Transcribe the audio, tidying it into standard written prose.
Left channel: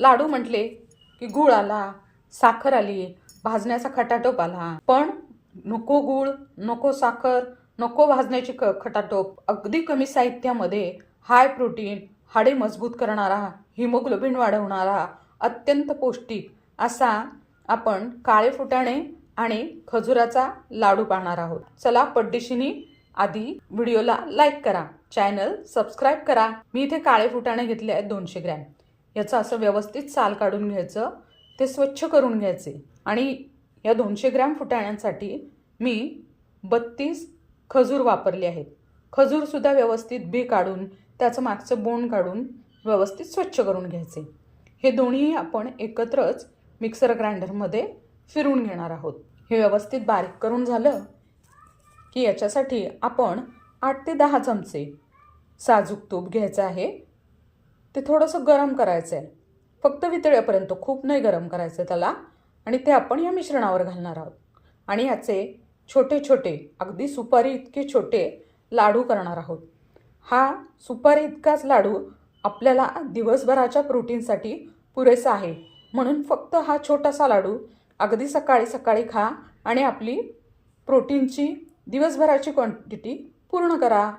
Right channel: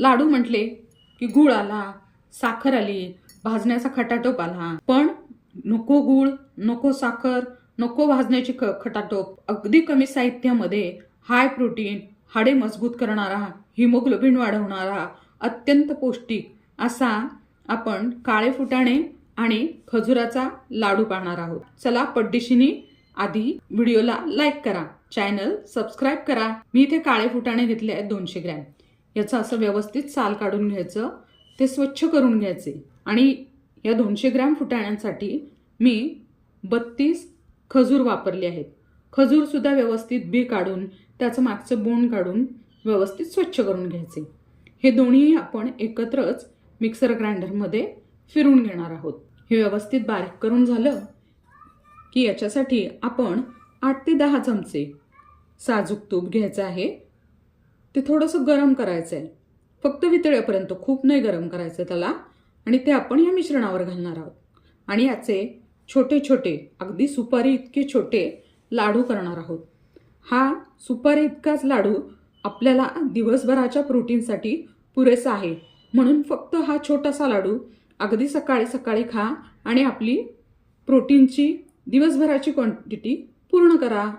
लाडू म्हटले की गुळ आला, साखर आली, भाजण्याचा खटाटोप आला. पण नको गुळ, नको साखर, नको भाजण्याची खटाटोप, अगदी कमी साहित्यामध्ये हाय प्रोटीन, हाडे मजबूत करणारा, हिमोग्लोबिन वाढवणारा, अत्यंत पौष्टिक असा आपण काळे फुटाणे आणि खजुराचा लाडू पाहणार आहोत. चला पटदिशीने आधी व्हिडिओला लाईक करा, चॅनल सबस्क्राईब करा. मी इथे काळे फुटाणे घेतले आहेत 200 ग्रॅम. याचं असं व्यवस्थित साल काढून घ्यायचं, ते स्वच्छ करून घ्यायचे. आणि या 200 ग्रॅम फुटाण्यांसाठी मी 32 खजूर वापरले आहेत. खजूर सुद्धा व्यवस्थित बी काढून त्याचं मागचं बोंड काढून व्यवस्थित स्वच्छ करून घ्यायचे. हे दोन्ही आपण एकत्रच मिक्सर ग्राइंडरमध्ये फिरून घेणार आहोत. हे व्यवस्थित बारीक करून झालं की याच्यासाठी आपण 8 ते 10 चमचे साजूक तूप घ्यायचं आहे. ते थोडंसं गरम करायचं आहे, फक्त वितळेपर्यंत, खूप नाही गरम करायचं त्याला. आणि ते आपण या मिश्रणावर घालणार आहोत. आणि याचे छोटे छोटे, अगदी सुपारी इतके छोटे लाडू करणार आहोत. हा सुपारी इतकाच लाडू आपल्याला दिवसभराच्या प्रोटीनसाठी पुरेसा आहे. म्हणून फक्त हा छोटासा लाडू अगदी सकाळी सकाळी खा आणि आपली प्रोटीनची दिवसभराची क्वांटिटी पूर्ण करा.